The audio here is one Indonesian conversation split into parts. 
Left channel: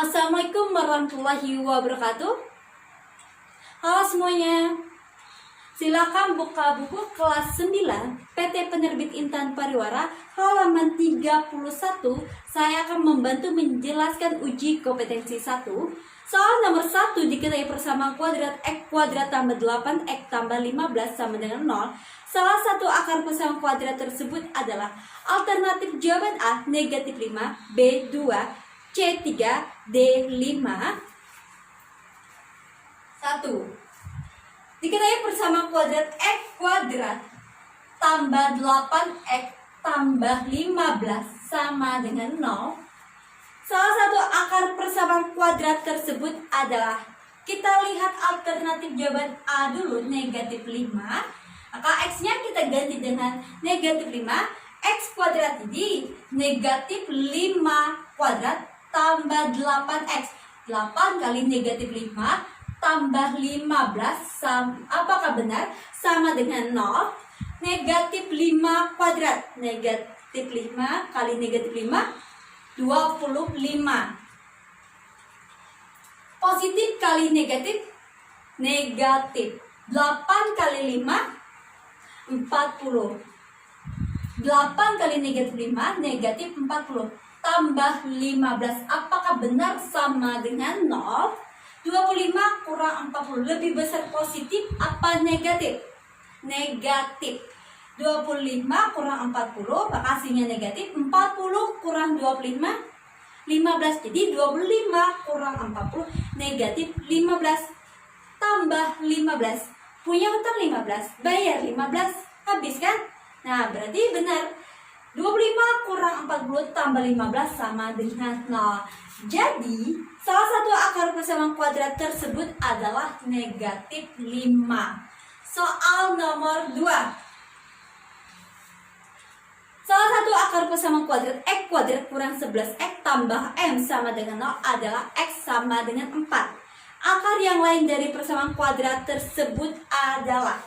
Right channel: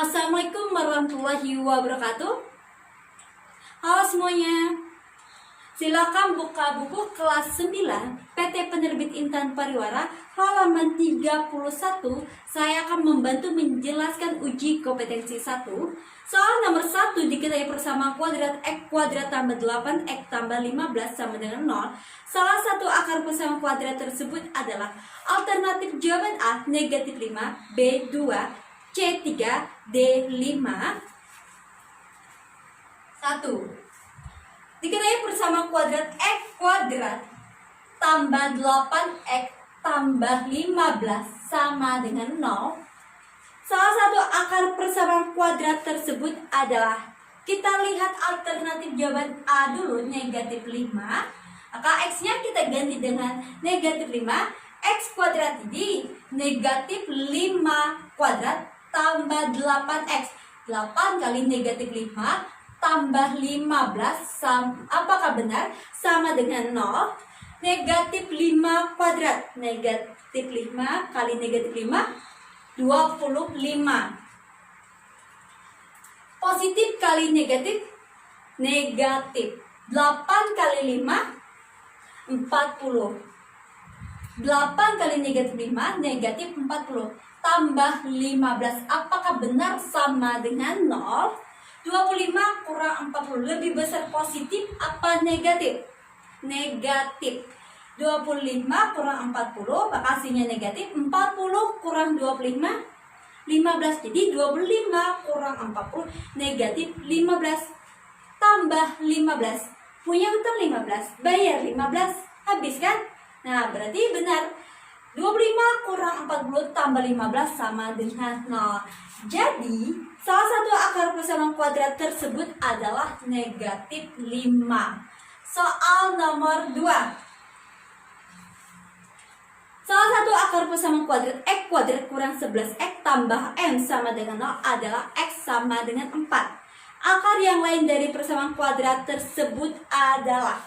Assalamualaikum warahmatullahi wabarakatuh. Halo semuanya. Silakan buka buku kelas 9 PT Penerbit Intan Pariwara halaman 31. Saya akan membantu menjelaskan uji kompetensi 1. Soal nomor 1 diketahui persamaan kuadrat X kuadrat tambah 8 X tambah 15 sama dengan 0. Salah satu akar persamaan kuadrat tersebut adalah alternatif jawaban A negatif 5, B 2, C3, D5. 1. Diketahui persamaan kuadrat X kuadrat tambah 8X tambah 15 sama dengan 0. Salah satu akar persamaan kuadrat tersebut adalah, kita lihat alternatif jawaban A dulu, negatif 5. Maka X-nya kita ganti dengan negatif 5. X kuadrat ini negatif 5 kuadrat tambah 8X. 8 kali negatif 5 tambah 15 apakah benar? Sama dengan 0. Negatif 5 kuadrat. Negatif 5 kali negatif 5, 25. Positif kali negatif, negatif. 8 kali 5, 40. 8 kali negatif 5, negatif 40. Tambah 15, apakah benar sama dengan 0? 25 kurang 40, lebih besar positif apa negatif? Negatif. 25 kurang 40, maka hasilnya negatif. 40 kurang 25, 15. Jadi 25 kurang 40, negatif 15. Tambah 15. Punya utang 15, bayar 15. Habis kan? Nah, berarti benar. 25 kurang 40 tambah 15 sama dengan 0. Jadi, salah satu akar persamaan kuadrat tersebut adalah negatif 5. Soal nomor 2. Salah satu akar persamaan kuadrat X kuadrat kurang 11X tambah M sama dengan 0 adalah X sama dengan 4. Akar yang lain dari persamaan kuadrat tersebut adalah,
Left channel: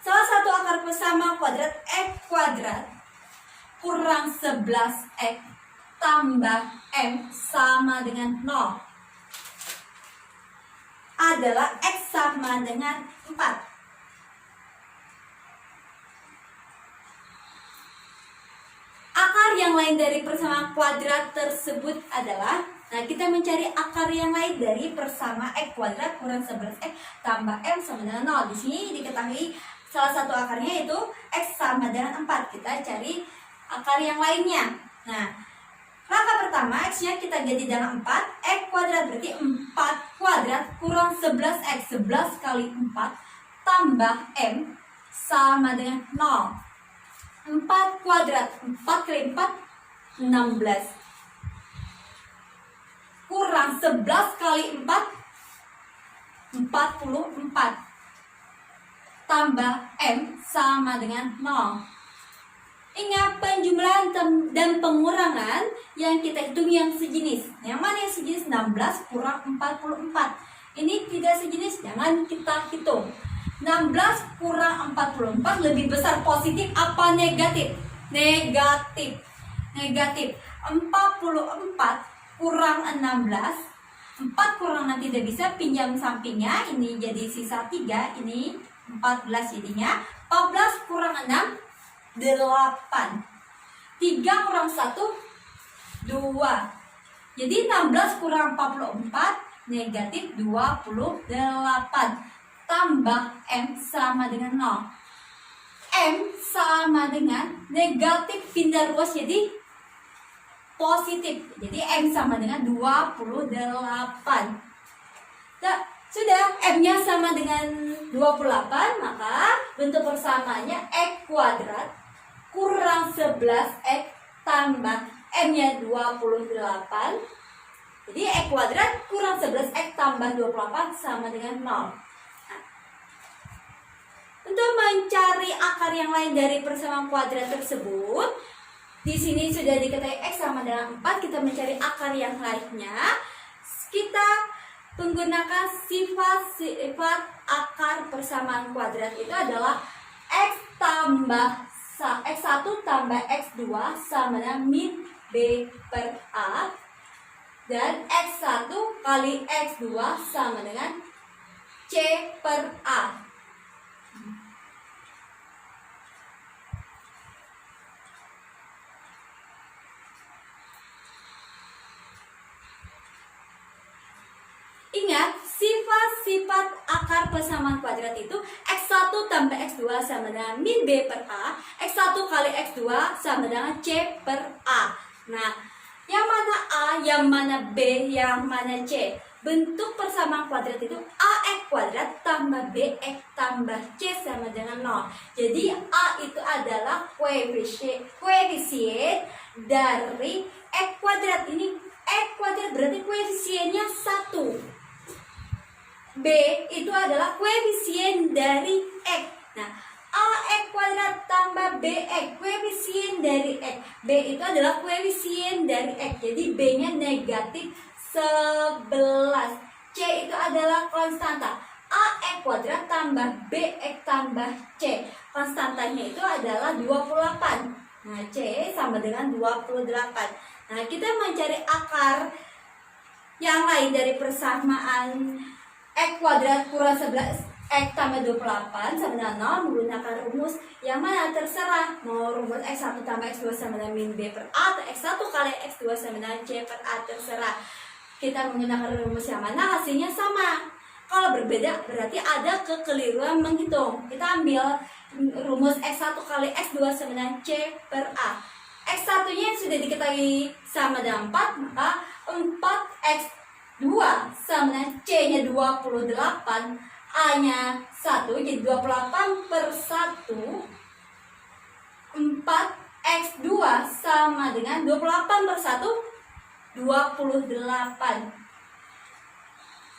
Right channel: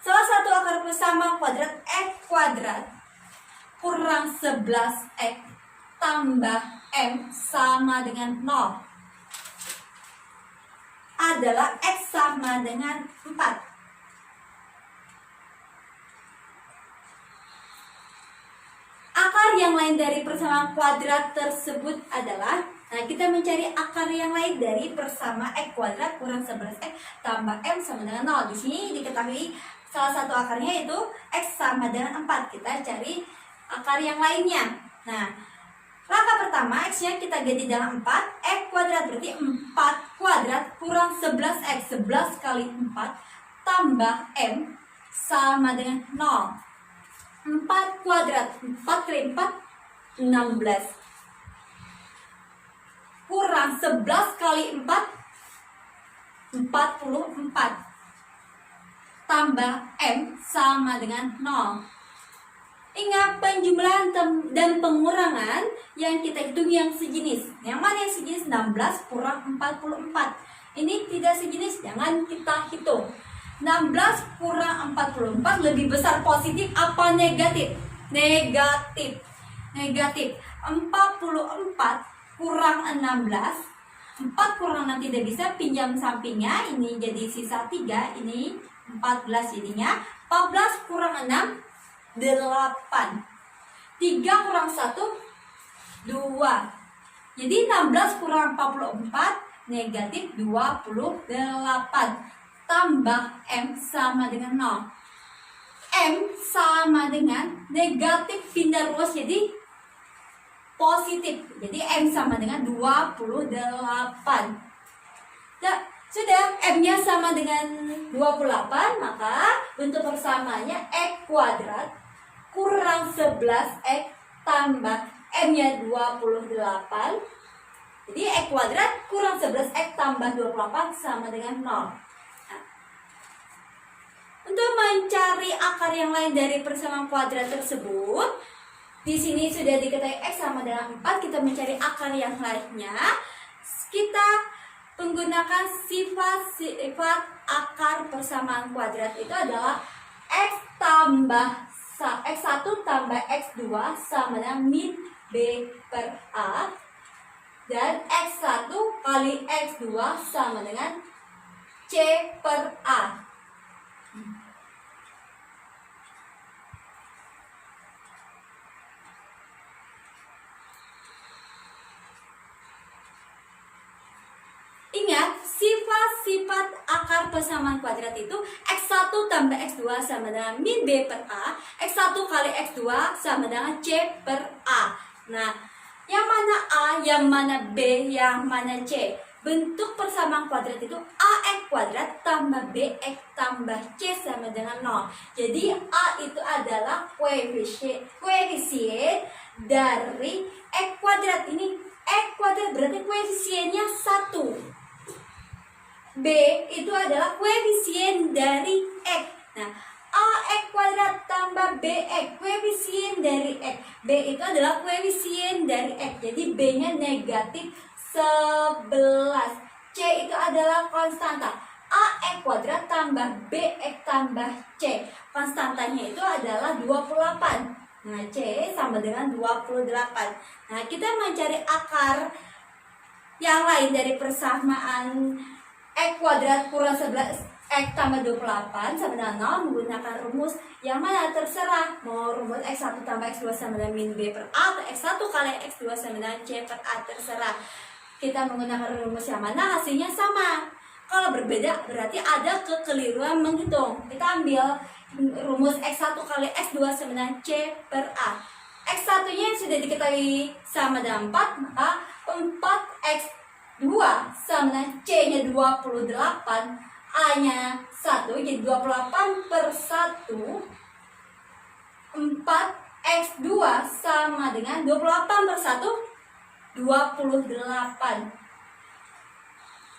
salah satu akar persamaan kuadrat X kuadrat kurang 11X tambah M sama dengan 0 adalah X sama dengan 4. Akar yang lain dari persamaan kuadrat tersebut adalah, nah kita mencari akar yang lain dari persamaan X kuadrat kurang 11X tambah M sama dengan 0. Di sini diketahui salah satu akarnya yaitu X sama dengan 4. Kita cari akar yang lainnya. Nah, langkah pertama X-nya kita ganti dengan 4. X kuadrat berarti 4 kuadrat kurang 11X. 11 kali 4 tambah M sama dengan 0. 4 kuadrat, 4 kali 4, 16. Kurang 11 kali 4, 44. Tambah M sama dengan 0. Ingat, penjumlahan dan pengurangan yang kita hitung yang sejenis. Yang mana yang sejenis? 16 kurang 44. Ini tidak sejenis, jangan kita hitung. 16 kurang 44 lebih besar positif apa negatif? Negatif. Negatif. 44 kurang 16. 4 kurang 6 tidak bisa, pinjam sampingnya. Ini jadi sisa 3. Ini 14 jadinya. 14 kurang 6, 8. 3 kurang 1, 2. Jadi 16 kurang 44, negatif 28. Tambah M sama dengan 0. M sama dengan negatif pindah ruas jadi positif. Jadi M sama dengan 28. Nah, sudah, M-nya sama dengan 28, maka bentuk persamaannya X kuadrat kurang 11X tambah M-nya 28. Jadi X kuadrat kurang 11X tambah 28 sama dengan 0. Untuk mencari akar yang lain dari persamaan kuadrat tersebut, di sini sudah diketahui X sama dengan 4, kita mencari akar yang lainnya. Kita menggunakan sifat akar persamaan kuadrat itu adalah X tambah X1 tambah X2 sama dengan min B per A Dan X1 kali X2 sama dengan C per A. Ingat, sifat-sifat akar persamaan kuadrat itu X1 tambah X2 sama dengan min B per A, X1 kali X2 sama dengan C per A. Nah, yang mana A, yang mana B, yang mana C? Bentuk persamaan kuadrat itu AX kuadrat tambah BX tambah C sama dengan 0. Jadi A itu adalah koefisien dari X kuadrat. Ini X kuadrat berarti koefisiennya 1. B itu adalah koefisien dari X. Nah, AX kuadrat tambah BX, koefisien dari X. B itu adalah koefisien dari X. Jadi B-nya negatif 11. C itu adalah konstanta. AX kuadrat tambah BX tambah C. Konstantanya itu adalah 28. Nah, C sama dengan 28. Nah, kita mencari akar yang lain dari persamaan X kuadrat kurang 11 X tambah 28 sama dengan 0 menggunakan rumus yang mana terserah. Mau rumus X1 tambah X2 sama dengan min B per A atau X1 kali X2 sama dengan C per A, terserah. Kita menggunakan rumus yang mana hasilnya sama. Kalau berbeda berarti ada kekeliruan menghitung. Kita ambil rumus X1 kali X2 sama dengan C per A. X1 nya sudah diketahui sama dengan 4, maka 4X 2 sama dengan C-nya 28, A-nya 1, jadi 28 per 1. 4X2 sama dengan 28 per 1, 28.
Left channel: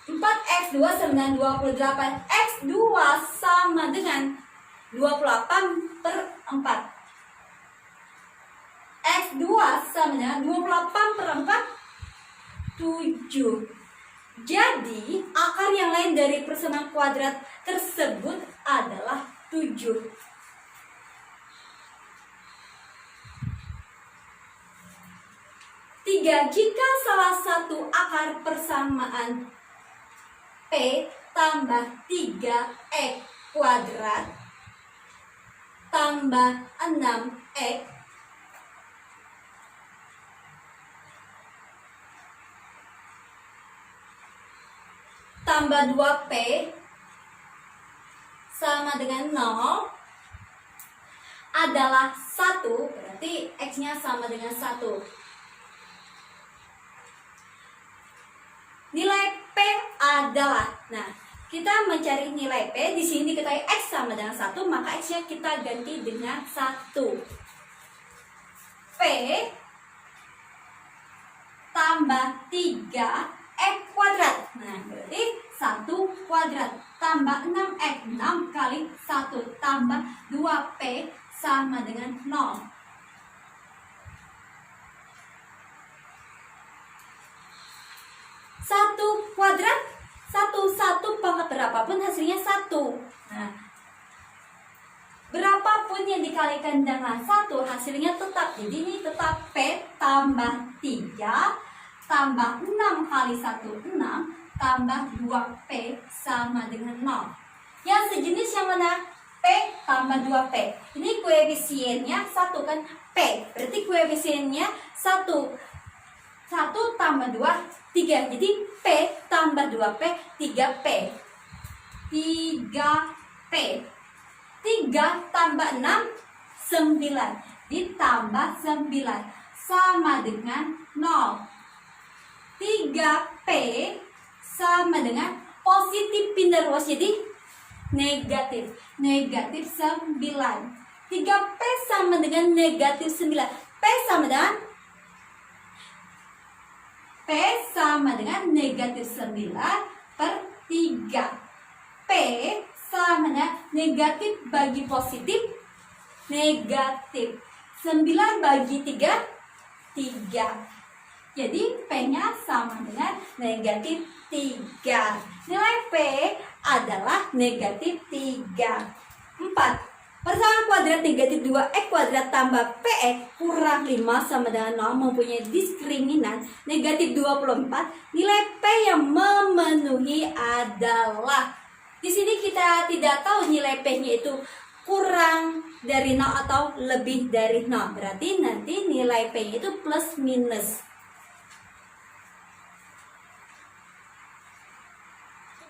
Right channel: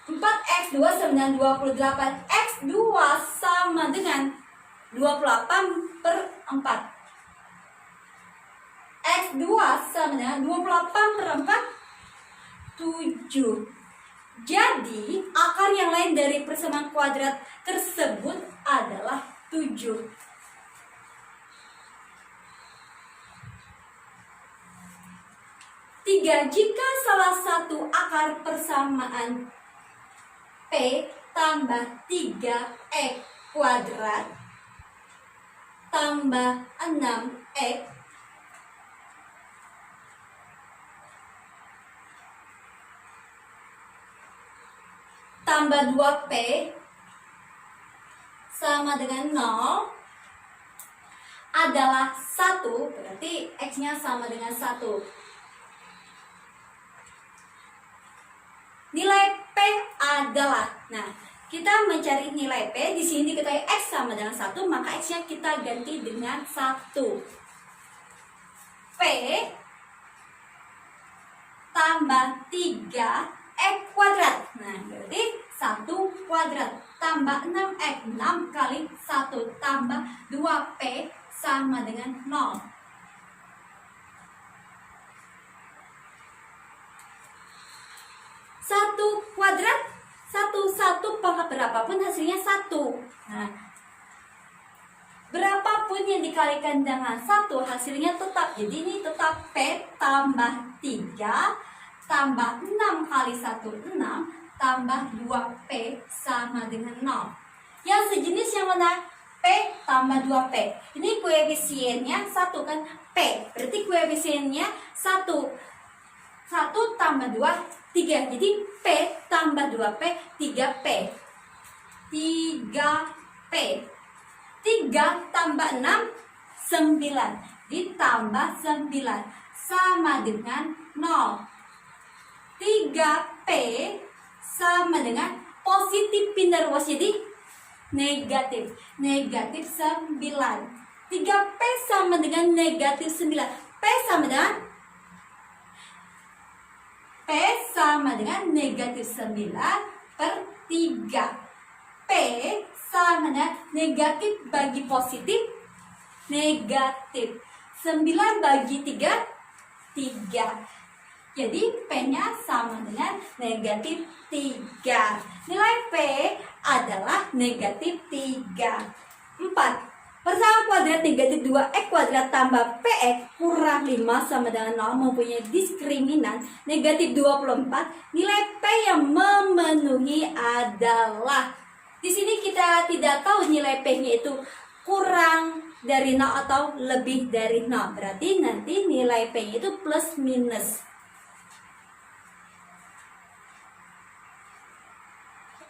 4X2 sama dengan 28. X2 sama dengan 28 per 4. X2 sama dengan 28 per 4, 7. Jadi akar yang lain dari persamaan kuadrat tersebut adalah 7. Jika salah satu akar persamaan P tambah 3X kuadrat tambah 6X tambah 2P sama dengan 0 adalah 1, berarti X-nya sama dengan 1. Nilai P adalah, nah, kita mencari nilai P, di sini diketahui X sama dengan 1, maka X-nya kita ganti dengan 1. P tambah 3 X kuadrat. Nah, berarti 1 kuadrat tambah 6X, 6 kali 1 tambah 2P sama dengan 0. 1 kuadrat, 1 pangkat berapapun hasilnya 1. Nah, berapapun yang dikalikan dengan 1 hasilnya tetap. Jadi ini tetap P tambah 3 tambah 6 kali 1, 6, tambah 2P sama dengan 0. Yang sejenis yang mana? P tambah 2P. Ini koefisiennya 1 kan? P. Berarti koefisiennya 1. 1 tambah 2, 3. Jadi P tambah 2P, 3P. 3P. 3 tambah 6, 9. Ditambah 9. Sama dengan 0. 3P sama dengan positif pindah ruas jadi negatif. Negatif 9. 3P sama dengan negatif 9. P sama dengan negatif 9 per 3. P sama dengan negatif bagi positif, negatif. 9 bagi 3, 3. Jadi P-nya sama dengan negatif 3. Nilai P adalah negatif 3. 4. P Persamaan kuadrat negatif 2x kuadrat tambah px kurang 5 sama dengan 0 mempunyai diskriminan negatif 24. Nilai P yang memenuhi adalah, di sini kita tidak tahu nilai P-nya itu kurang dari 0 atau lebih dari 0. Berarti nanti nilai P-nya itu plus minus.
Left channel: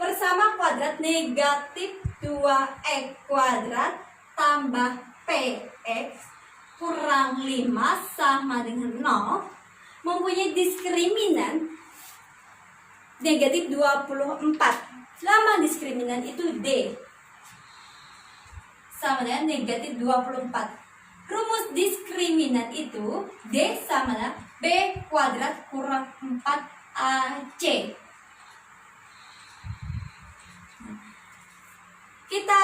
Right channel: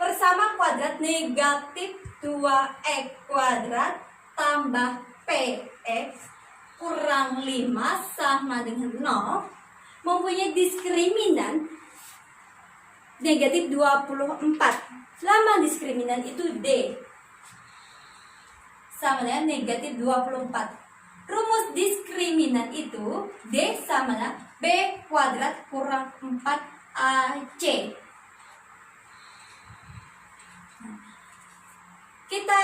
Persamaan kuadrat negatif 2x kuadrat tambah px kurang 5 sama dengan 0 mempunyai diskriminan negatif 24. Lama diskriminan itu D sama dengan negatif 24. Rumus diskriminan itu D sama dengan B kuadrat kurang 4AC. Kita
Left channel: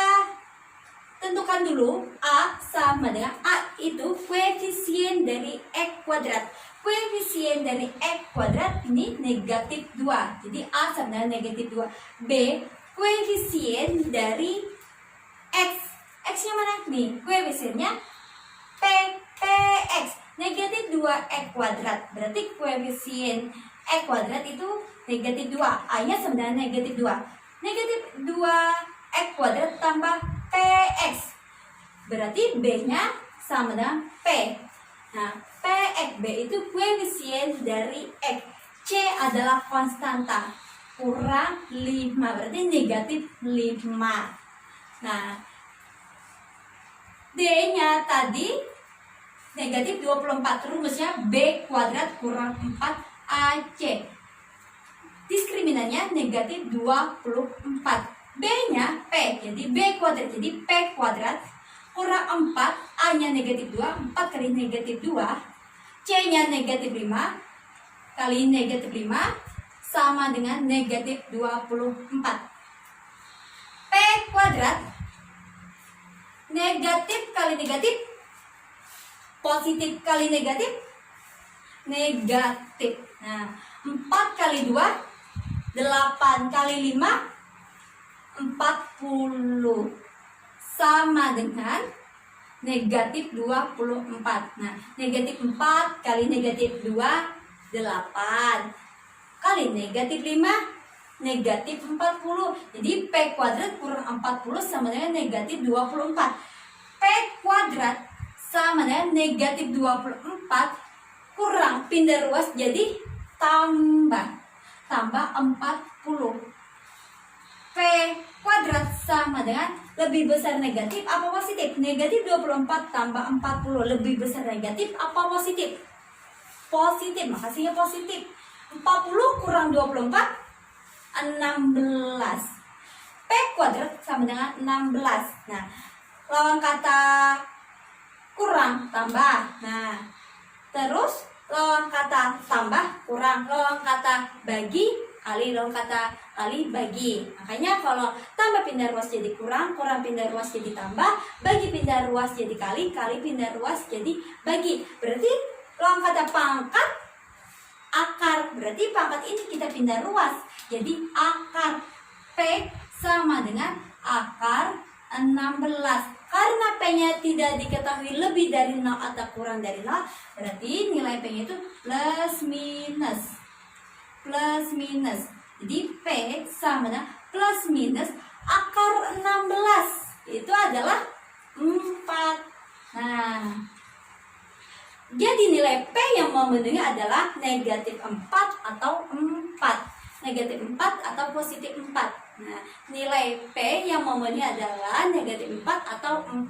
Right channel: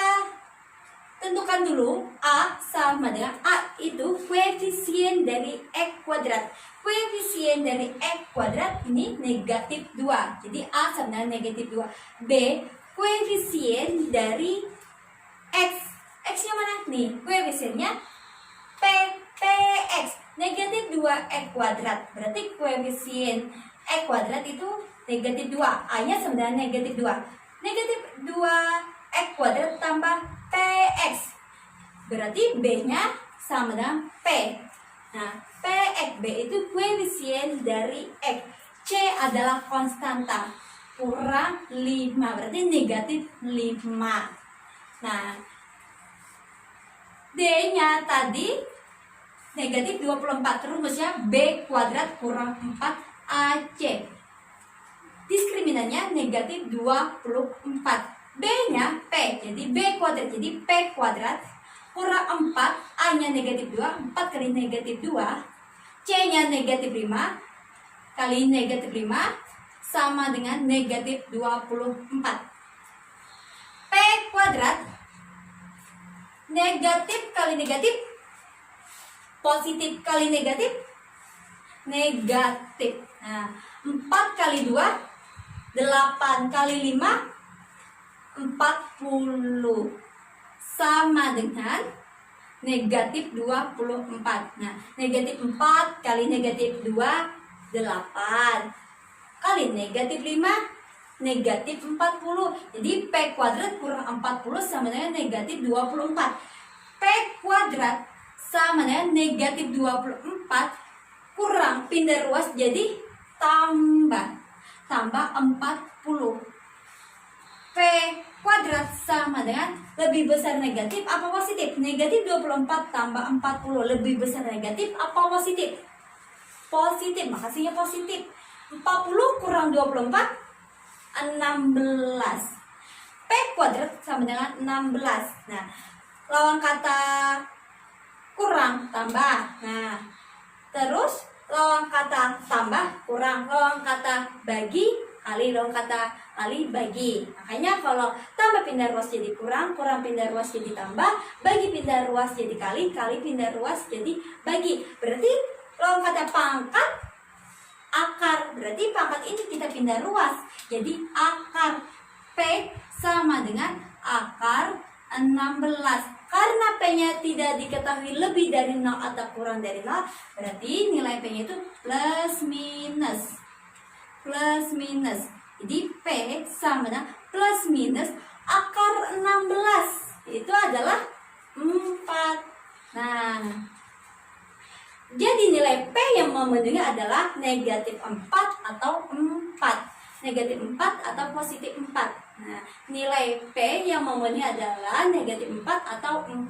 tentukan dulu A sama dengan A itu koefisien dari X kuadrat. Koefisien dari X kuadrat ini negatif 2. Jadi A sama dengan negatif 2. B koefisien dari X. X-nya mana nih? Koefisiennya PX. Negatif 2X kuadrat. Berarti koefisien X kuadrat itu negatif 2. A-nya sama dengan negatif 2. Negatif 2X kuadrat tambah PX. Berarti B-nya sama dengan P. Nah, PX B itu koefisien dari X. C adalah konstanta. Kurang 5. Berarti negatif 5. Nah, D-nya tadi negatif 24. Rumusnya B kuadrat kurang 4 AC. Diskriminannya negatif 24. B-nya P. Jadi B kuadrat. Jadi P kuadrat kurang 4, A-nya negatif 2, 4 kali negatif 2, C-nya negatif 5 kali negatif 5 sama dengan negatif 24. P kuadrat negatif kali negatif, positif kali negatif, negatif. Nah, 4 kali 2, 8 kali 5, 40 sama dengan negatif 24. Nah, negatif 4 kali negatif 2, 8 kali negatif 5, negatif 40. Jadi P kuadrat kurang 40 sama dengan negatif 24. P kuadrat sama dengan negatif 24 kurang pindah ruas jadi tambah 40. P kuadrat sama dengan lebih besar negatif apa positif? Negatif 24 tambah 40 lebih besar negatif apa positif? Positif, makasihnya positif. 40 kurang 24, 16. P kuadrat sama dengan 16. Nah, lawan kata kurang tambah. Nah, terus lawan kata tambah kurang, lawan kata bagi kali, lawan kata kali bagi. Makanya kalau tambah pindah ruas jadi kurang, kurang pindah ruas jadi tambah, bagi pindah ruas jadi kali, kali pindah ruas jadi bagi. Berarti lawan kata pangkat akar. Berarti pangkat ini kita pindah ruas jadi akar. P sama dengan akar 16. Karena P-nya tidak diketahui lebih dari 0 atau kurang dari 0, berarti nilai P-nya itu plus minus. Plus minus. Jadi P sama dengan plus minus akar 16. Itu adalah 4. Nah, jadi nilai P yang memenuhi adalah negatif 4 atau 4. Negatif 4 atau positif 4. Nah, nilai P yang memenuhi adalah negatif 4 atau 4.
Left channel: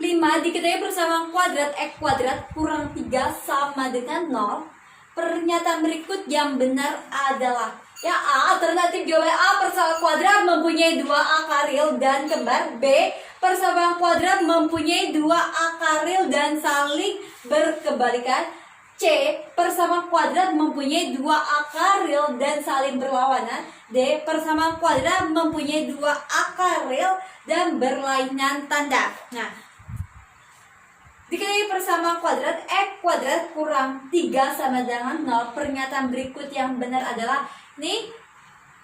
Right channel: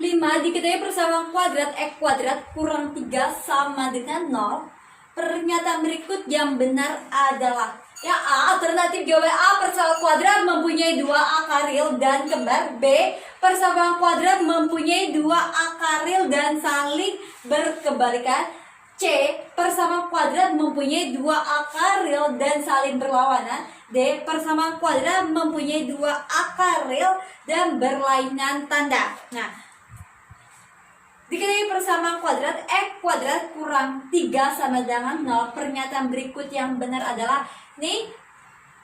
5 diketahui persamaan kuadrat X kuadrat kurang 3 sama dengan 0. Pernyataan berikut yang benar adalah, ya A, alternatif jawaban A, persamaan kuadrat mempunyai 2 akar real dan kembar. B, persamaan kuadrat mempunyai 2 akar real dan saling berkebalikan. C, persamaan kuadrat mempunyai 2 akar real dan saling berlawanan. D, persamaan kuadrat mempunyai 2 akar real dan berlainan tanda. Nah, diketahui persamaan kuadrat X kuadrat kurang 3 sama dengan 0. Pernyataan berikut yang benar adalah, nih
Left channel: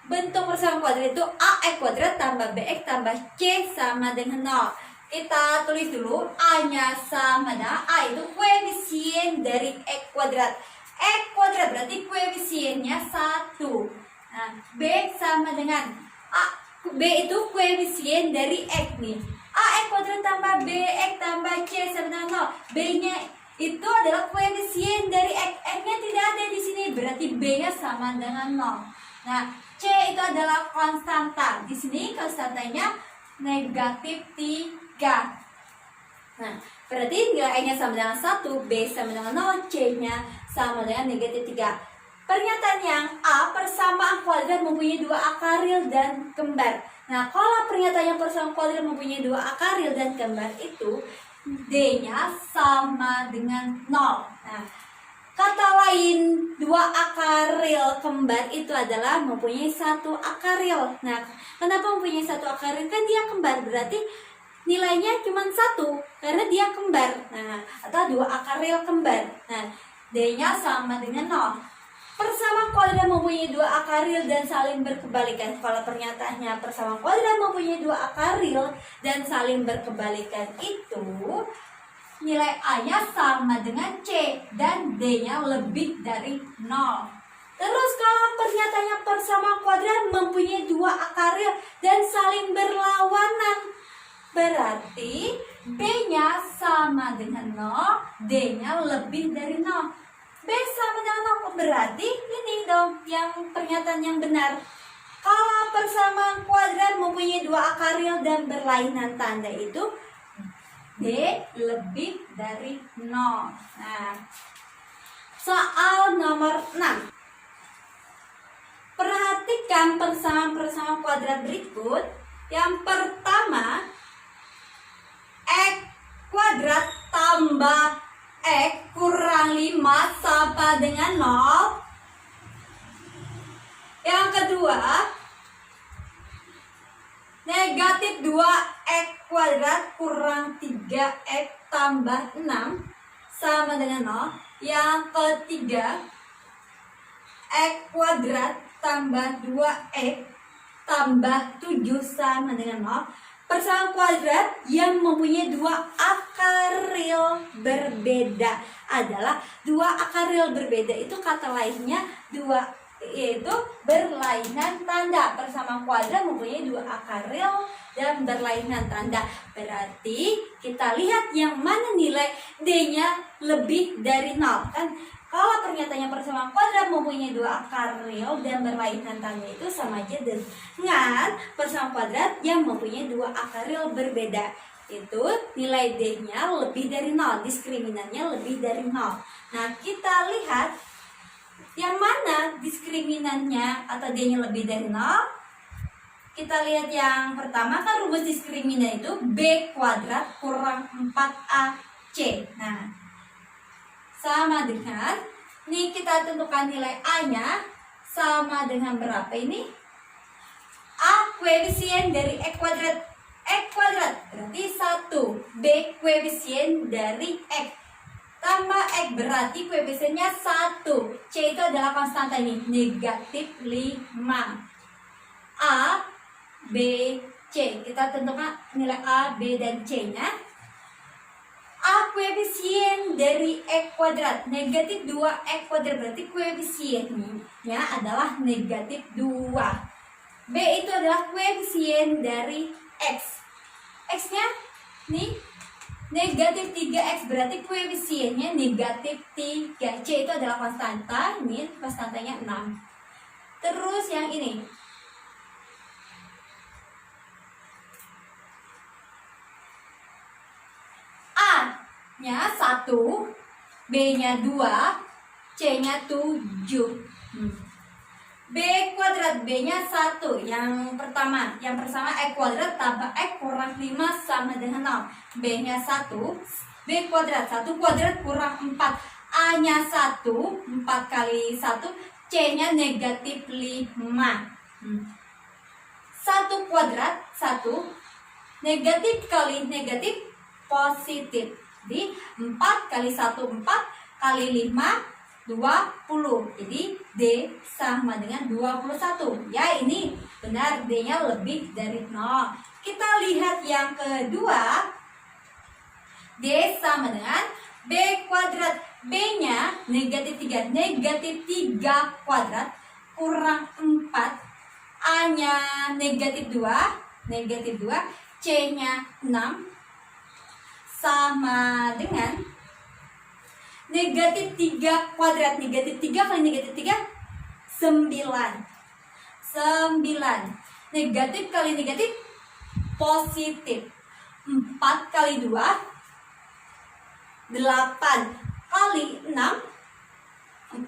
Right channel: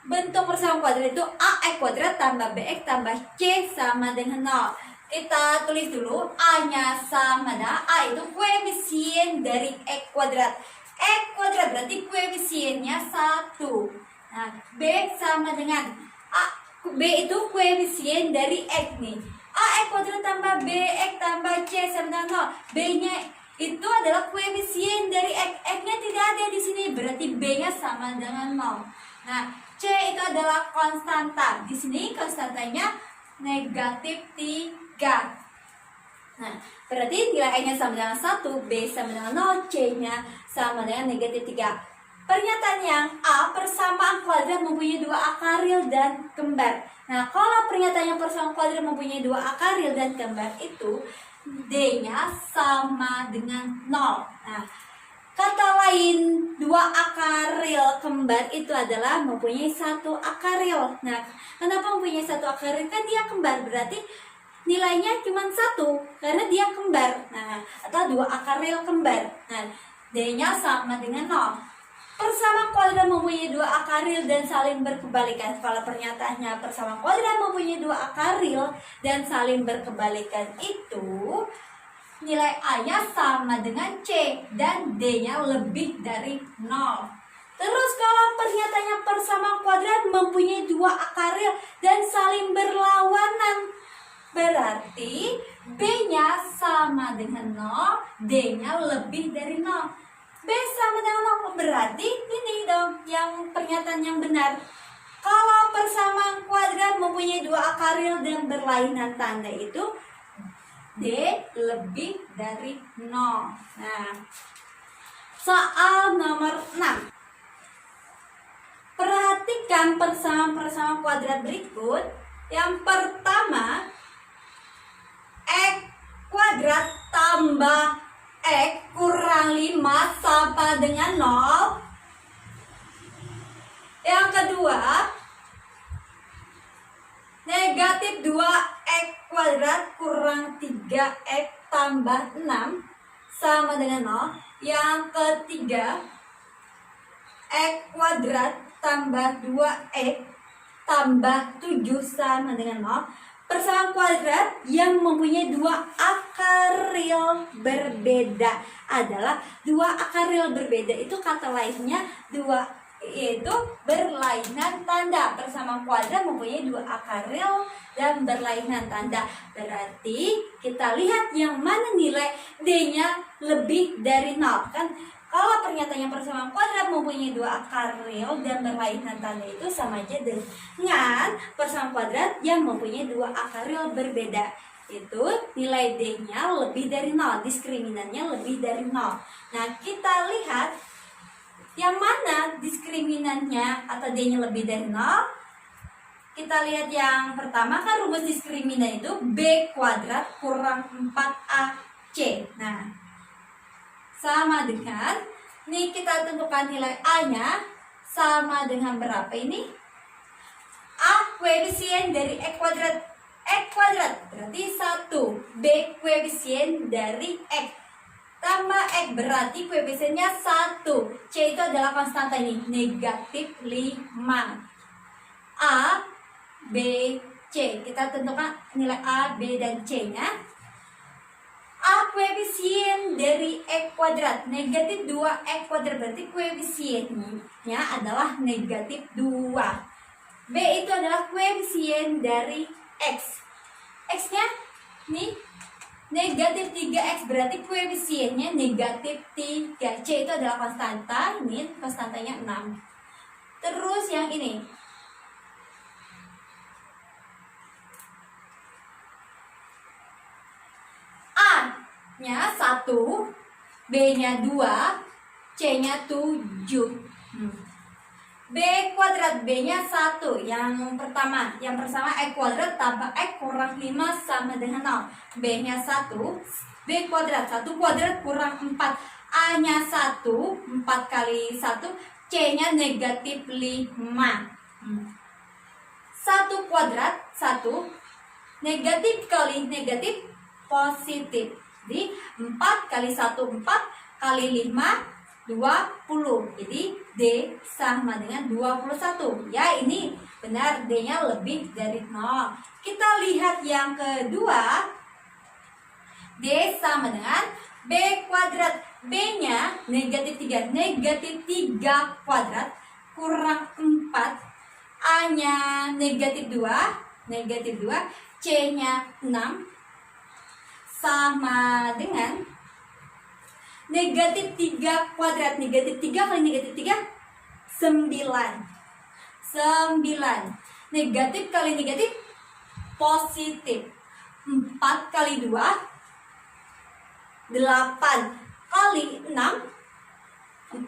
bentuk persamaan kuadrat itu AX kuadrat tambah BX tambah C sama dengan 0. Kita tulis dulu, A-nya sama dengan A itu koefisien dari X kuadrat. X kuadrat berarti koefisiennya 1. Nah, B sama dengan A, B itu koefisien dari X nih. AX kuadrat tambah BX tambah C sama dengan 0. B-nya itu adalah koefisien dari X. X-nya tidak ada di sini, berarti B-nya sama dengan 0. Nah, C itu adalah konstanta. Di sini konstantanya negatif 3. Nah, berarti nilai A-nya sama dengan 1, B sama dengan 0, C-nya sama dengan negatif 3. Pernyataan yang A, persamaan kuadrat mempunyai 2 akaril dan kembar. Nah, kalau pernyataan yang persamaan kuadrat mempunyai 2 akaril dan kembar itu D-nya sama dengan 0. Nah, kata lain 2 akaril kembar itu adalah mempunyai 1 akaril. Nah, kenapa mempunyai 1 akaril? Kan dia kembar, berarti nilainya cuma 1 karena dia kembar. Nah, atau 2 akaril kembar. Nah, D-nya sama dengan 0. Persamaan kuadrat mempunyai 2 akaril dan saling berkebalikan. Kalau pernyataannya persamaan kuadrat mempunyai 2 akaril dan saling berkebalikan itu nilai A-nya sama dengan C dan D-nya lebih dari 0. Terus kalau pernyataannya persamaan kuadrat mempunyai 2 akaril dan saling berlawanan, berarti B-nya sama dengan 0, D-nya lebih dari 0. B sama dengan 0, berarti ini dong yang pernyataan yang benar. Kalau persamaan kuadrat mempunyai 2 akaril dan berlainan tanda itu D lebih dari 0. Nah, soal nomor 6. Perhatikan persamaan kuadrat berikut. Yang pertama, X kuadrat tambah X kurang 5 sama dengan 0. Yang kedua, negatif 2X kuadrat kurang 3X tambah 6 sama dengan 0. Yang ketiga, X kuadrat tambah 2X tambah 7 sama dengan 0. Persamaan kuadrat yang mempunyai 2 akaril berbeda adalah 2 akaril berbeda. Itu kata lainnya 2, yaitu berlainan tanda. Persamaan kuadrat mempunyai 2 akaril dan berlainan tanda. Berarti kita lihat yang mana nilai D-nya lebih dari 0. Kan kalau pernyataannya persamaan kuadrat mempunyai 2 akaril dan berlainan tanda itu sama aja dengan persamaan kuadrat yang mempunyai 2 akaril berbeda. Itu nilai D-nya lebih dari 0, diskriminannya lebih dari 0. Nah, kita lihat yang mana diskriminannya atau D-nya lebih dari 0. Kita lihat yang pertama, kan rumus diskriminan itu B kuadrat kurang 4AC. Nah, sama dengan, nih kita tentukan nilai A-nya sama dengan berapa ini? A koefisien dari X kuadrat. X kuadrat berarti 1. B koefisien dari X tambah X berarti koefisiennya 1. C itu adalah konstanta ini, negatif 5. A, B, C. Kita tentukan nilai A, B, dan C-nya. A koefisien dari X kuadrat, negatif 2X kuadrat, berarti koefisiennya adalah negatif 2. B itu adalah koefisien dari X. X-nya nih negatif 3X, berarti koefisiennya negatif 3. C itu adalah konstanta, ini konstantanya 6. Terus yang ini, A-nya 1, B-nya 2, C-nya 7. B kuadrat, B-nya 1. Yang pertama, yang pertama X kuadrat tambah X kurang 5 sama dengan 0. B-nya 1, B kuadrat, 1 kuadrat kurang 4. A-nya 1, 4 kali 1, C-nya negatif 5. 1 kuadrat, 1, negatif kali negatif positif. Jadi 4 kali 1, 4 kali 5, 20. Jadi D sama dengan 21. Ya, ini benar, D-nya lebih dari 0. Kita lihat yang kedua. D sama dengan B kuadrat. B-nya negatif 3. Negatif 3 kuadrat kurang 4. A-nya negatif 2. Negatif 2. C-nya 6. Sama dengan negatif 3 kuadrat. Negatif 3 kali negatif 3, 9. 9. Negatif kali negatif, positif. 4 kali 2, 8. Kali 6, 48.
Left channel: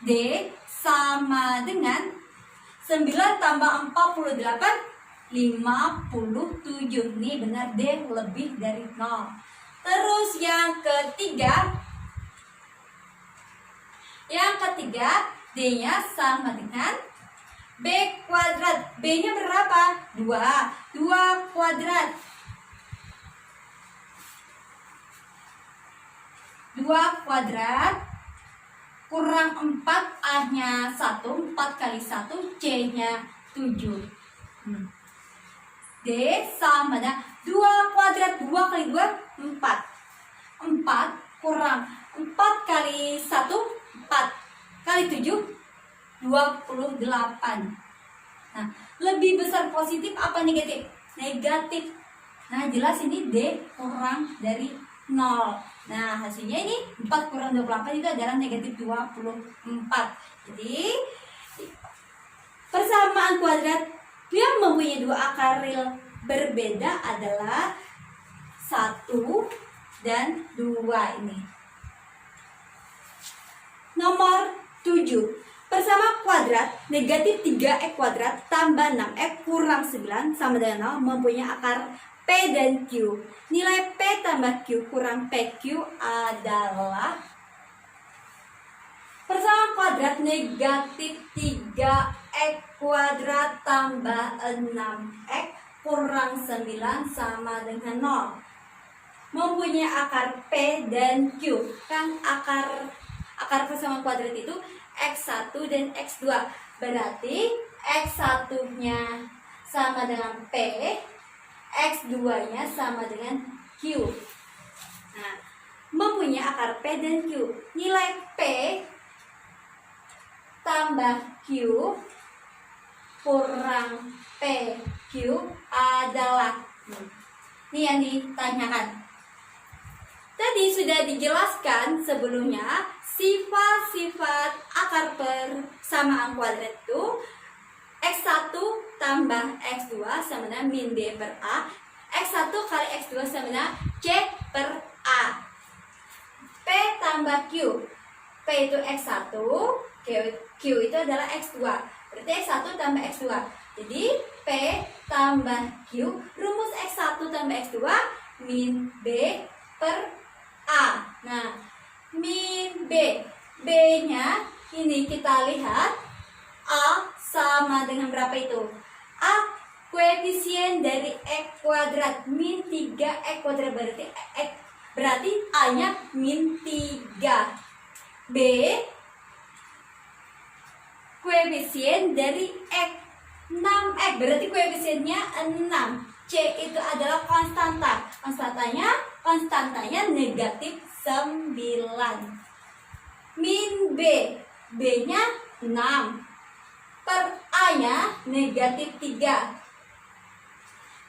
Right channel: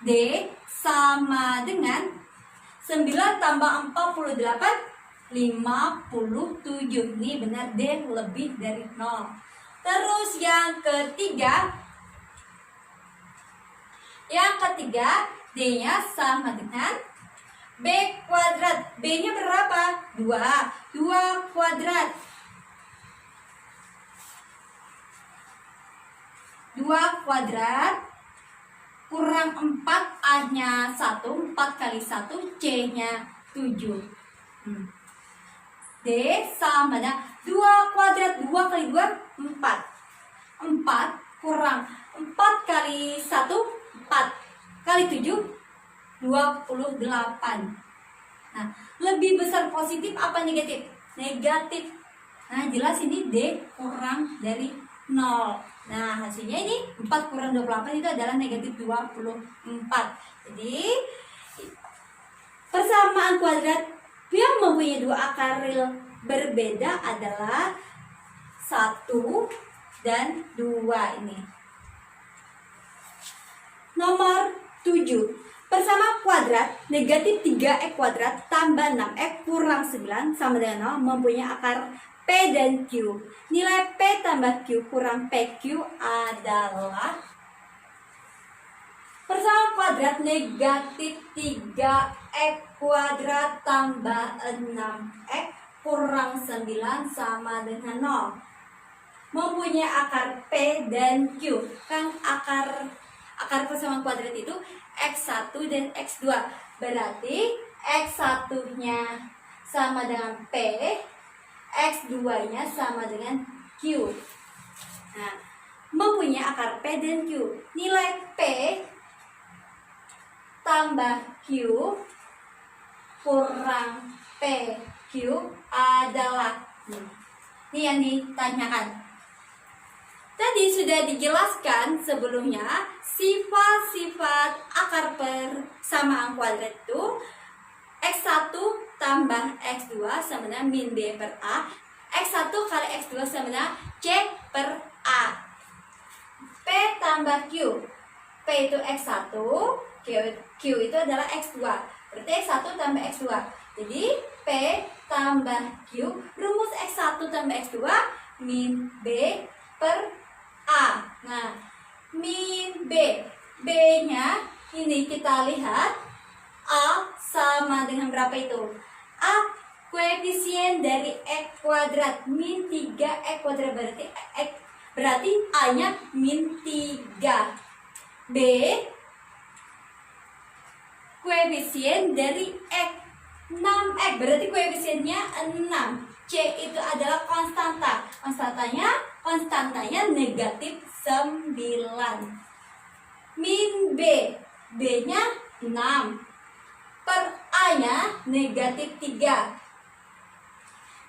D sama dengan 9 tambah 48, 57. Ini benar, D lebih dari 0. Terus yang ketiga. Yang ketiga, D-nya sama dengan B kuadrat. B-nya berapa? 2. 2 kuadrat. 2 kuadrat kurang 4. A-nya 1. 4 kali 1. C-nya 7. D sama dengan 2 kuadrat. 2 kali 2, 4. 4 kurang 4 kali 1, 4 kali 7, 28. Nah, lebih besar positif apa negatif? Negatif. Nah, jelas ini D kurang dari 0. Nah, hasilnya ini 4 kurang 28 itu adalah negatif 24. Jadi, persamaan kuadrat yang mempunyai 2 akar real berbeda adalah 1 dan 2 ini. Nomor 7. Persama kuadrat negatif 3x kuadrat tambah 6x kurang 9 sama dengan 0 mempunyai akar P dan Q. Nilai P tambah Q kurang PQ adalah persama kuadrat negatif 3x kuadrat tambah 6x kurang 9 sama dengan 0. Mempunyai akar P dan Q. Kan akar persamaan kuadrat itu X1 dan X2. Berarti X1-nya sama dengan P, X2-nya sama dengan Q. Nah, mempunyai akar P dan Q. Nilai P tambah Q kurang PQ adalah ini yang ditanyakan. Tadi sudah dijelaskan sebelumnya sifat-sifat akar persamaan kuadrat itu X1 tambah X2 sama dengan min B per A. X1 kali X2 sama dengan C per A. P tambah Q. P itu X1, Q itu adalah X2. Berarti X1 tambah X2. Jadi P tambah Q, rumus X1 tambah X2 min B per A. Nah, min B. B-nya ini kita lihat A sama dengan berapa itu? A koefisien dari X kuadrat min 3X kuadrat berarti A-nya min 3. B koefisien dari X 6X berarti koefisiennya 6. C itu adalah konstanta. Konstantanya negatif 9. Min B. B-nya 6. Per A-nya negatif 3.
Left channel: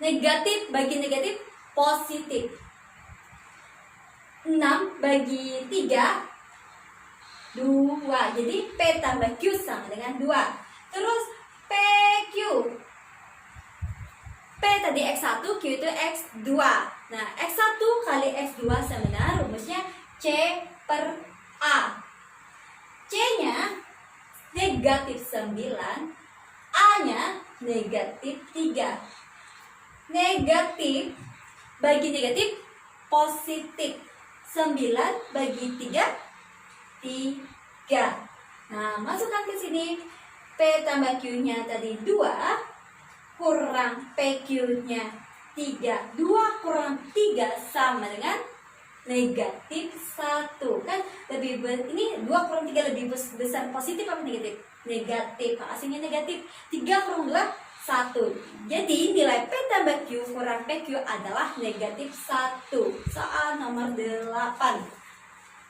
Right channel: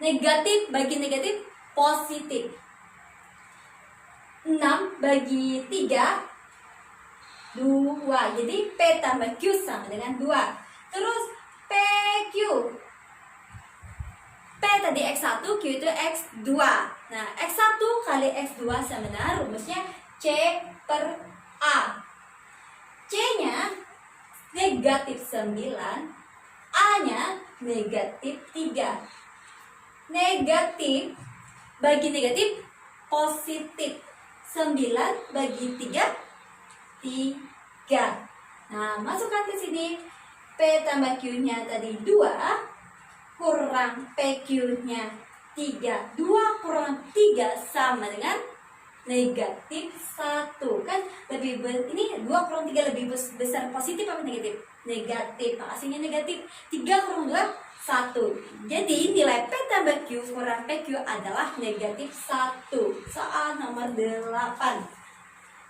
Negatif bagi negatif positif. 6 bagi 3, 2. Jadi P tambah Q sama dengan 2. Terus PQ. P tadi X1, Q itu X2. Nah, X1 kali X2 sama dengan rumusnya C per A. C-nya negatif 9, A-nya negatif 3. Negatif bagi negatif positif. 9 bagi 3, 3. Nah, masukkan ke sini. P tambah Q-nya tadi 2 kurang PQ-nya 3. 2 kurang 3 sama dengan negatif 1. Kan ini 2 kurang 3 lebih besar positif apa negatif? Negatif. Hasilnya negatif. 3 kurang 2, 1. Jadi nilai P tambah Q kurang PQ adalah negatif 1. Soal nomor 8.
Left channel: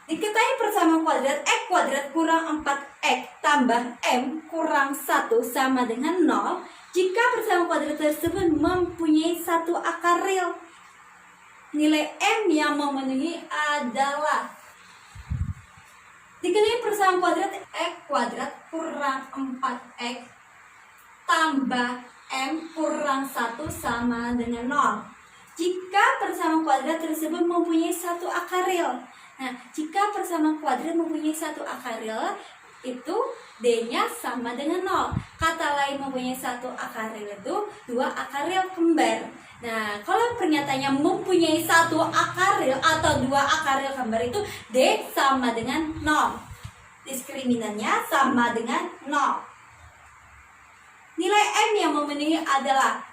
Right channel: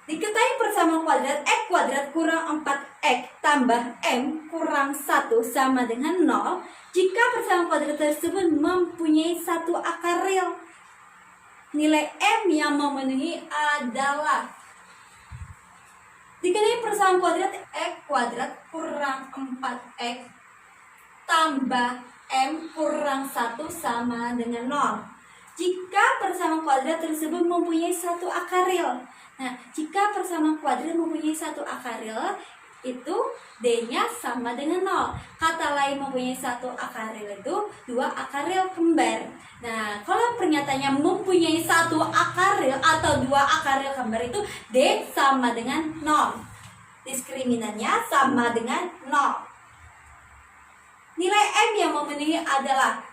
Diketahui persamaan kuadrat X kuadrat kurang 4X tambah M kurang 1 sama dengan 0 jika persamaan kuadrat tersebut mempunyai satu akar real. Nilai M yang memenuhi adalah diketahui persamaan kuadrat X kuadrat kurang 4X tambah M kurang 1 sama dengan 0 jika persamaan kuadrat tersebut mempunyai satu akar real. Nah, jika persamaan kuadrat mempunyai satu akar real, itu D-nya sama dengan 0. Kata lain mempunyai satu akar real itu 2 akar real kembar. Nah, kalau pernyataannya mempunyai satu akar real atau 2 akar real kembar itu D sama dengan 0. Diskriminan-nya sama dengan 0. Nilai M yang memenuhi adalah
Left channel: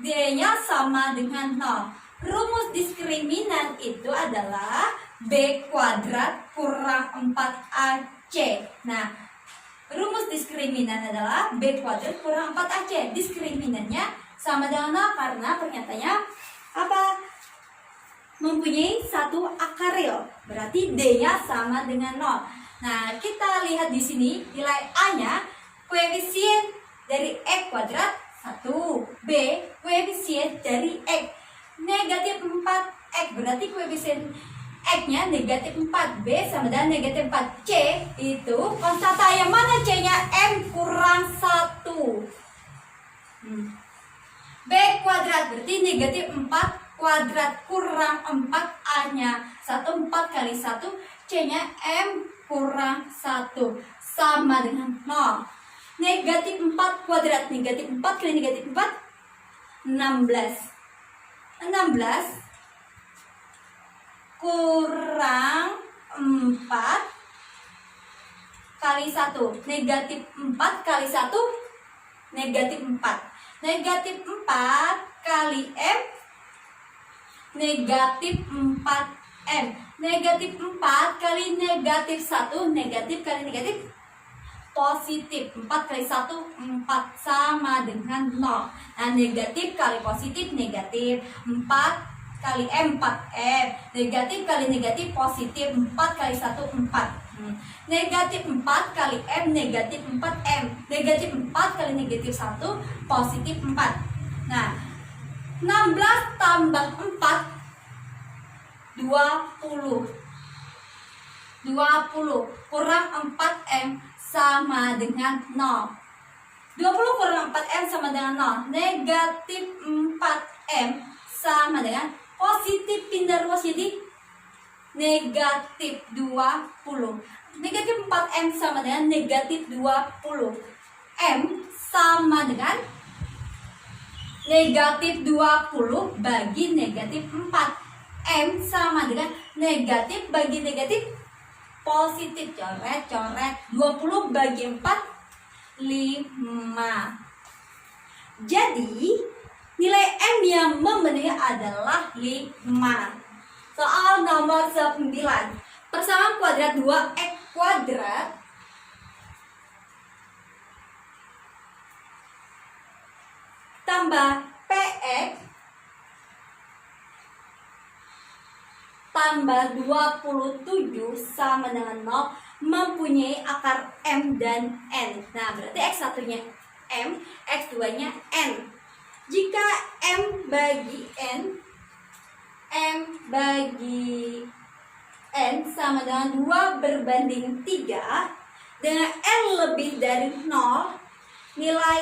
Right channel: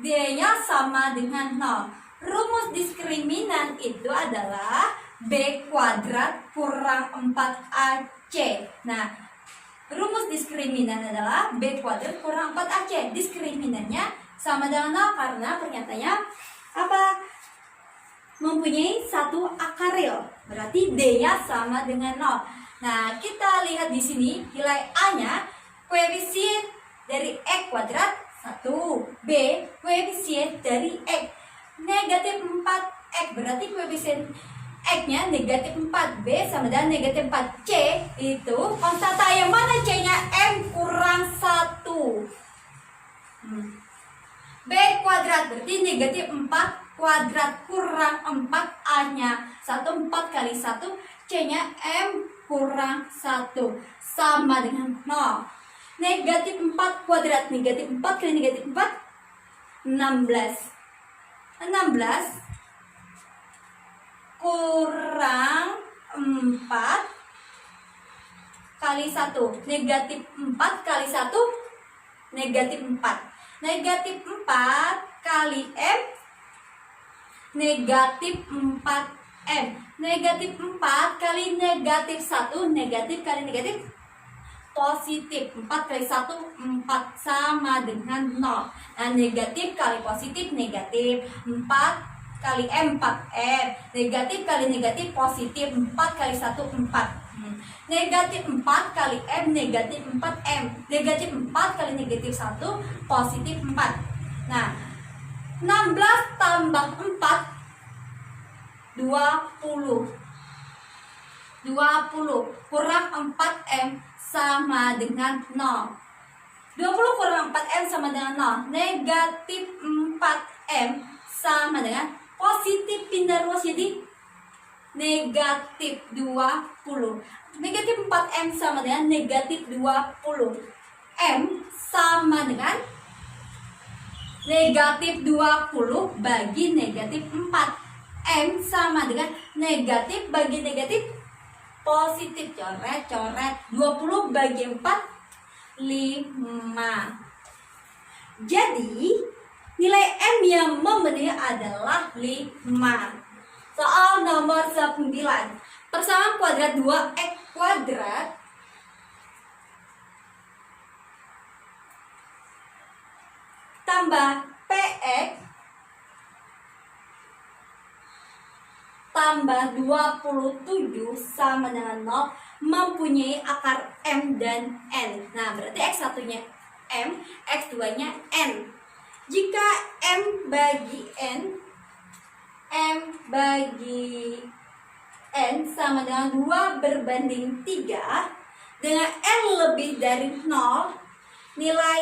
D-nya sama dengan 0. Rumus diskriminan itu adalah B kuadrat kurang 4AC. Nah, rumus diskriminan adalah B kuadrat kurang 4AC. Diskriminannya sama dengan 0 karena pernyataannya apa? Mempunyai satu akar real. Berarti D-nya sama dengan 0. Nah, kita lihat di sini nilai A-nya koefisien dari X kuadrat 1. B koefisien dari X negatif 4X. Berarti koefisien X-nya negatif 4, B sama dengan negatif 4. C itu konstanta yang mana C-nya? M kurang 1. B kuadrat berarti negatif 4 kuadrat kurang 4 A-nya 1, 4 kali 1 C-nya M kurang 1 sama dengan 0. Negatif 4 kuadrat, negatif 4 kali negatif 4 16 kurang 4 kali 1. Negatif 4 kali 1 negatif 4. Negatif 4 kali M negatif 4M. Negatif 4 kali negatif 1 negatif kali negatif positif. 4 kali 1 4 sama dengan 0. Nah, negatif kali positif negatif. 4 kali M 4M. Negatif kali negatif positif. 4 kali 1 4. Negatif 4 kali M negatif 4M. Negatif 4 kali negatif 1 positif 4. Nah, 16 tambah 4 20 kurang 4M sama dengan 0. 20 kurang 4M sama dengan 0. Negatif 4M sama dengan positif pindah ruas jadi negatif 20. Negatif 4M sama dengan negatif 20. M sama dengan negatif 20 bagi negatif 4. M sama dengan negatif bagi negatif positif. Coret 20 bagi 4 5. Jadi nilai M yang memenuhi adalah 5. Soal nomor 9. Persamaan kuadrat 2X kuadrat tambah PX tambah 27 sama dengan 0 mempunyai akar M dan N. Nah, berarti X1-nya M, X2-nya N. Jika M bagi N sama dengan 2 berbanding 3 dengan N lebih dari 0, nilai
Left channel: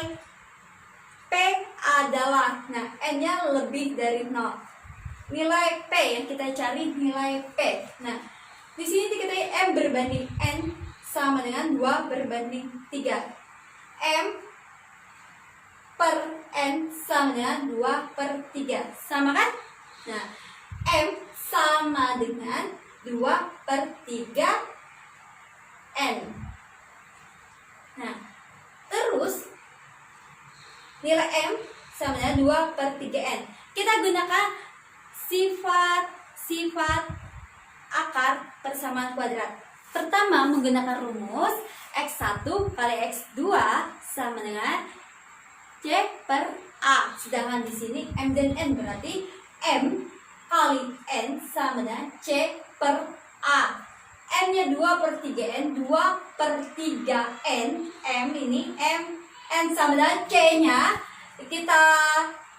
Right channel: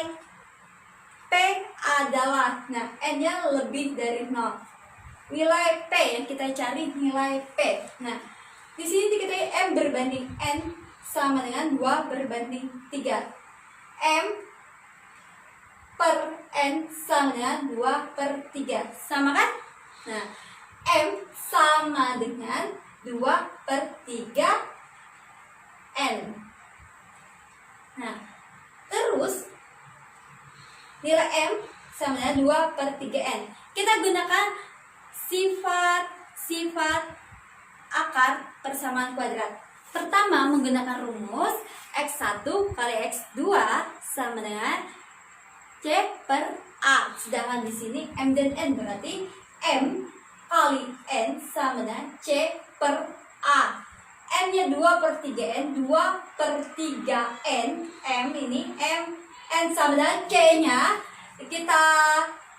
P adalah, nah, N-nya lebih dari 0. Nilai P yang kita cari nilai P. Nah, di sini diketahui M berbanding N sama dengan 2 berbanding 3. M per N sama dengan 2 per 3. Sama kan? Nah, M sama dengan 2 per 3 N. Nah, terus nilai M sama dengan 2 per 3 N. Kita gunakan sifat sifat akar persamaan kuadrat. Pertama, menggunakan rumus X1 kali X2 sama dengan C per A. Sedangkan di sini M dan N, berarti M kali N sama dengan C per A. N-nya 2/3N, 2/3N, M ini M, N sama dengan C-nya. Kita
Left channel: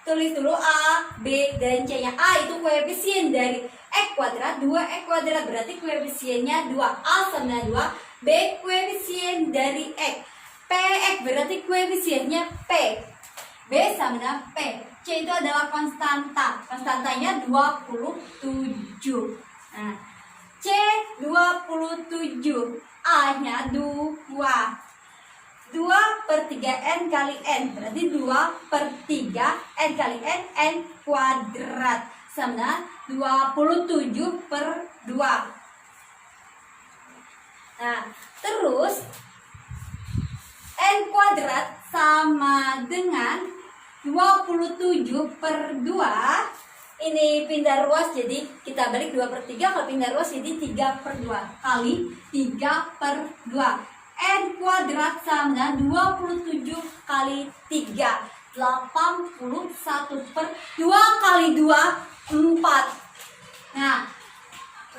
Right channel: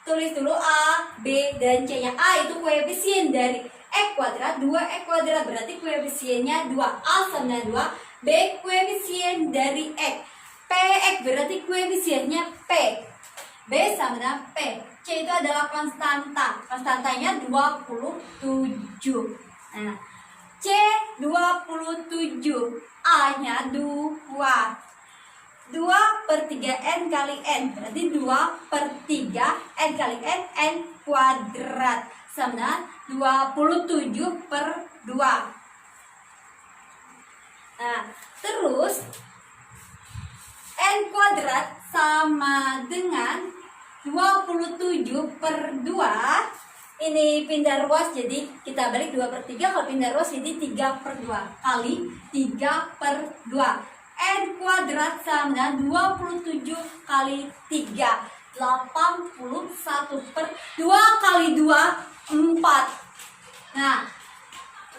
tulis dulu A, B, dan C-nya. A itu koefisien dari X kuadrat, 2X kuadrat, berarti koefisiennya 2. A sama dengan 2, B koefisien dari X. PX berarti koefisiennya P. B sama dengan P. C itu adalah konstanta. Konstantanya 27. Nah, C 27. A-nya 2. 2/3N kali N. Berarti 2/3N kali N, N kuadrat. Sama dengan 27/2. Nah, terus N kuadrat sama dengan 27/2. Ini pindah ruas, jadi kita balik 2/3. Kalau pindah ruas jadi 3/2 kali 3/2. N kuadrat sama dengan 27 kali 3, 81/2 kali 2, 4. Nah,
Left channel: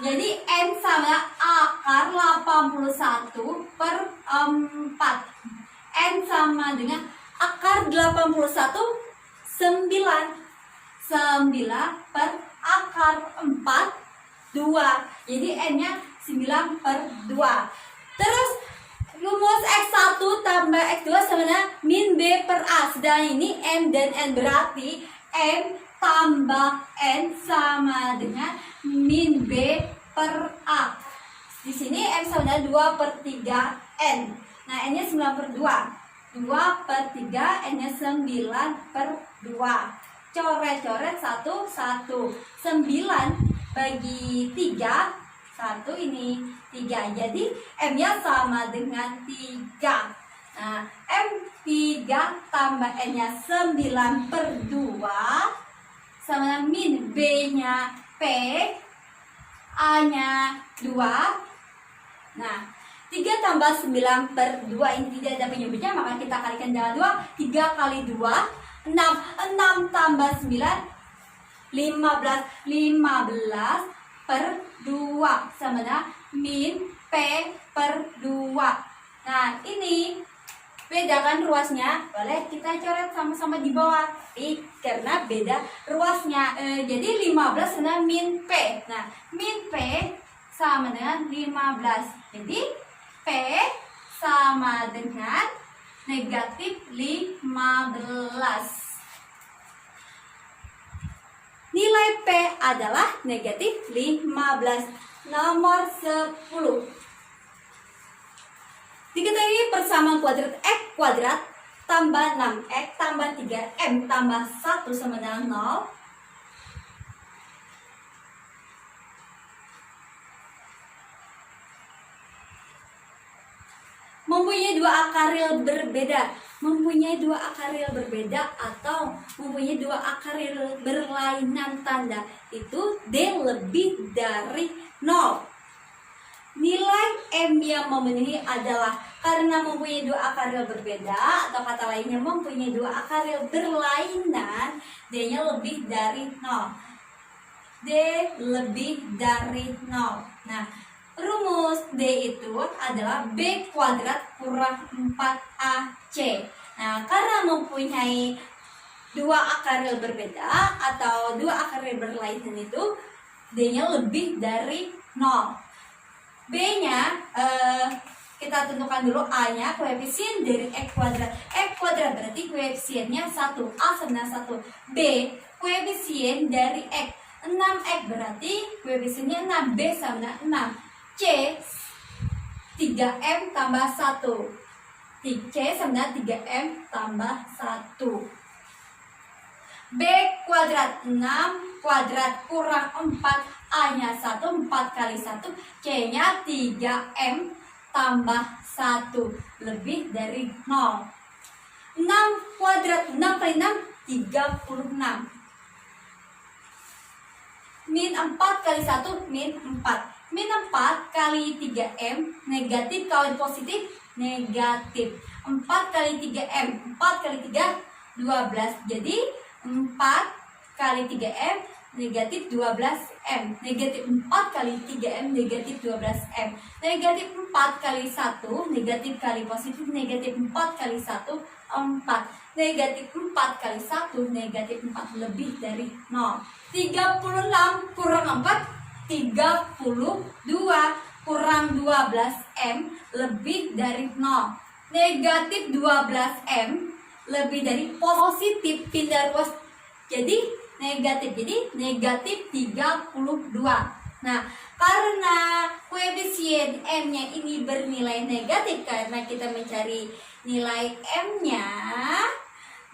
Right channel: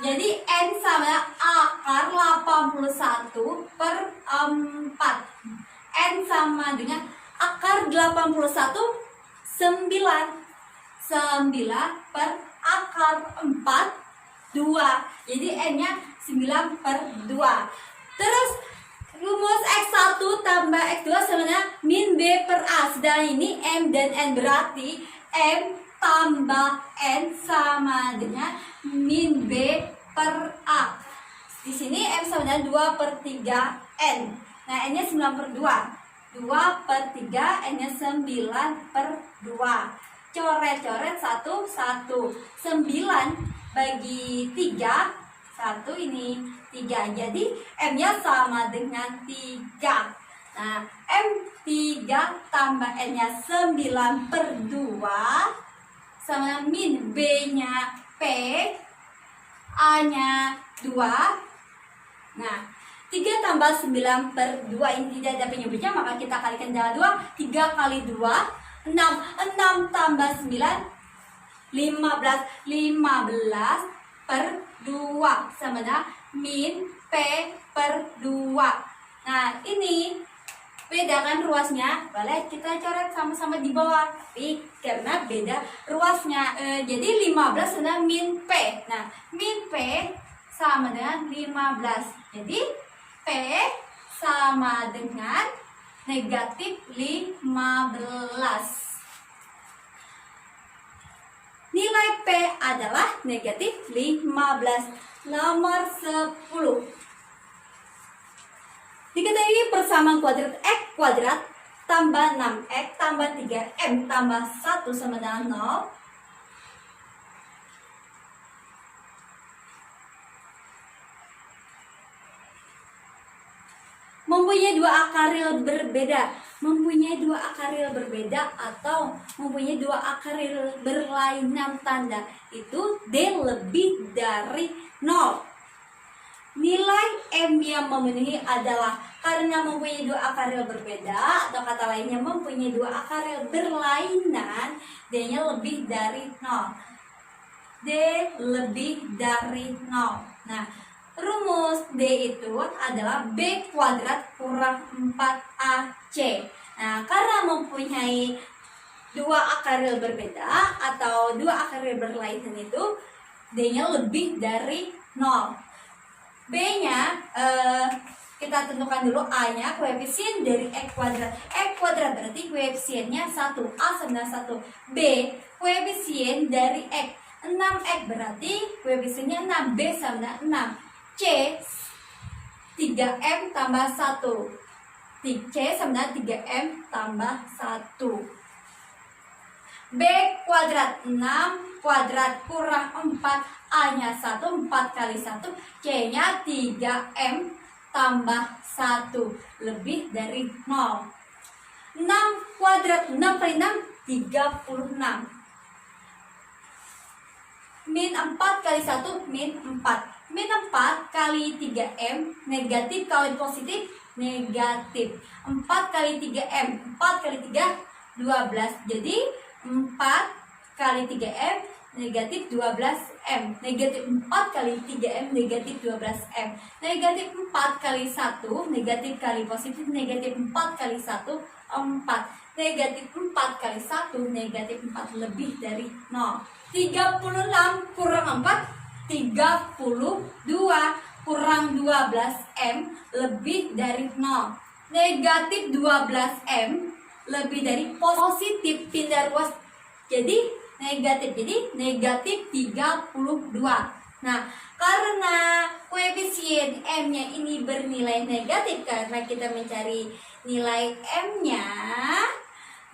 jadi N sama akar 81/4. N sama dengan akar 81, 9. 9 per akar 4, 2. Jadi N-nya 9/2. Terus rumus X1 tambah X2 sama dengan min B per A. Sedang ini M dan N, berarti M tambah N sama dengan min B per A. Di sini M sama dengan 2/3N. Nah, N-nya 9/2. 2/3, N-nya 9/2. Coret-coret 1, 1. 9 bagi 3, 1 ini 3. Jadi M-nya sama dengan 3. Nah, M3 tambah N-nya 9/2 sama min B-nya P, A-nya 2. Nah, 3 tambah 9/2 ini tidak ada penyebutnya, maka kita kalikan dengan 2. 3 kali 2, 6. 6 tambah 9, 15. 15/2 sama dengan min P per 2. Nah, ini bedakan ruasnya, boleh kita coret sama-sama di bawah. Tapi karena beda ruasnya, jadi 15 sama min P. Nah, min P sama dengan 15. Jadi P sama dengan negatif 15. Nilai P adalah negatif 15. Nomor 10. Diketahui persamaan kuadrat X kuadrat tambah 6X tambah 3M tambah 1 sama dengan 0. Mempunyai dua akar real berbeda. Mempunyai dua akar real berbeda atau mempunyai dua akar real berlainan tanda. Itu D lebih dari 0. Nilai M yang memenuhi adalah karena mempunyai dua akar real berbeda, atau kata lainnya mempunyai dua akar real berlainan, D-nya lebih dari 0. D lebih dari 0. Nah, rumus D itu adalah B kuadrat kurang 4AC. Nah, karena mempunyai dua akar real berbeda atau dua akar real berlainan itu D-nya lebih dari 0. B-nya kita tentukan dulu. A-nya koefisien dari X kuadrat. X kuadrat berarti koefisiennya 1. A sama dengan 1. B koefisien dari X. 6X berarti koefisiennya 6. B sama dengan 6. C 3M tambah 1. C sama dengan 3M tambah 1. B kuadrat 6 kuadrat kurang 4. A-nya 1, 4 kali 1. C-nya 3M tambah 1 lebih dari 0. 6 kuadrat, 6 kali 6, 36. Min 4 kali 1, min 4. Min 4 kali 3M, negatif kali positif, negatif. 4 kali 3M, 4 kali 3, 12. Jadi 4 kali 3M, negatif 12M. Negatif 4 kali 3M, negatif 12M. Negatif 4 kali 1, negatif kali positif, negatif 4 kali 1, 4. Negatif 4 kali 1, negatif 4 lebih dari 0. 36 kurang 4, 32 kurang 12M lebih dari 0. Negatif 12M lebih dari positif, pindah ruas jadi negatif. Jadi negatif 32. Nah, karena koefisien M-nya ini bernilai negatif karena kita mencari nilai M-nya,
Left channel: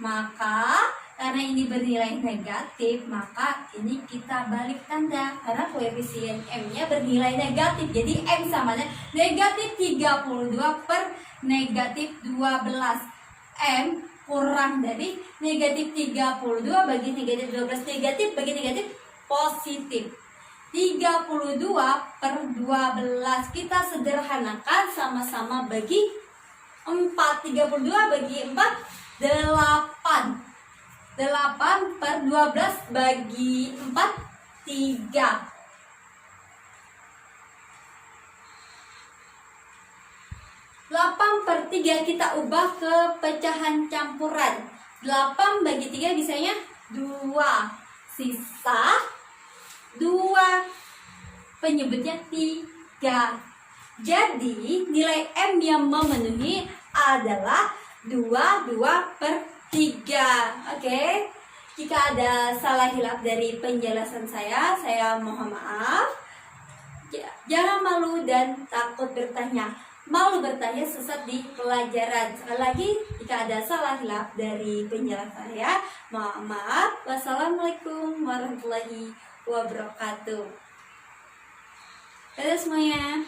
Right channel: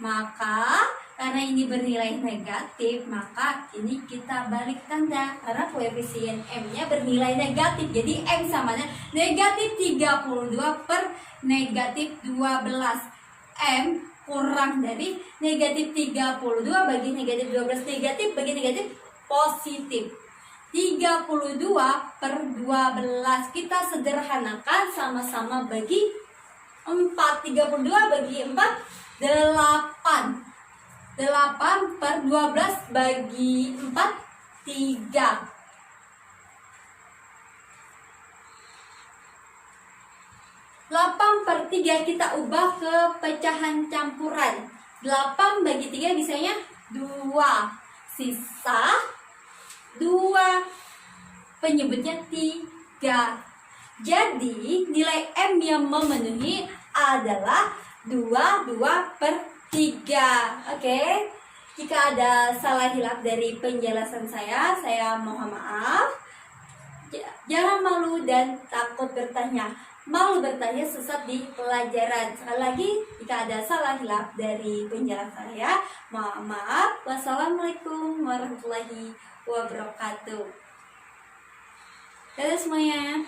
maka karena ini bernilai negatif, maka ini kita balik tanda. Karena koefisien M-nya bernilai negatif, jadi M samanya negatif 32 per negatif 12. M kurang dari negatif 32 bagi negatif 12. Negatif bagi negatif positif. 32 per 12. Kita sederhanakan sama-sama bagi 4. 32 bagi 4, 8. 8 per 12 bagi 4, 3. 8 per 3 kita ubah ke pecahan campuran. 8 bagi 3 bisanya 2. Sisa 2. Penyebutnya 3. Jadi nilai M yang memenuhi adalah 2 per 3. Oke. Jika ada salah hilaf dari penjelasan saya mohon maaf. Jangan malu dan takut bertanya. Malu bertanya sesat di pelajaran. Sekali lagi, jika ada salah hilaf dari penjelasan saya, mohon maaf. Wassalamualaikum warahmatullahi wabarakatuh. Dadah semuanya.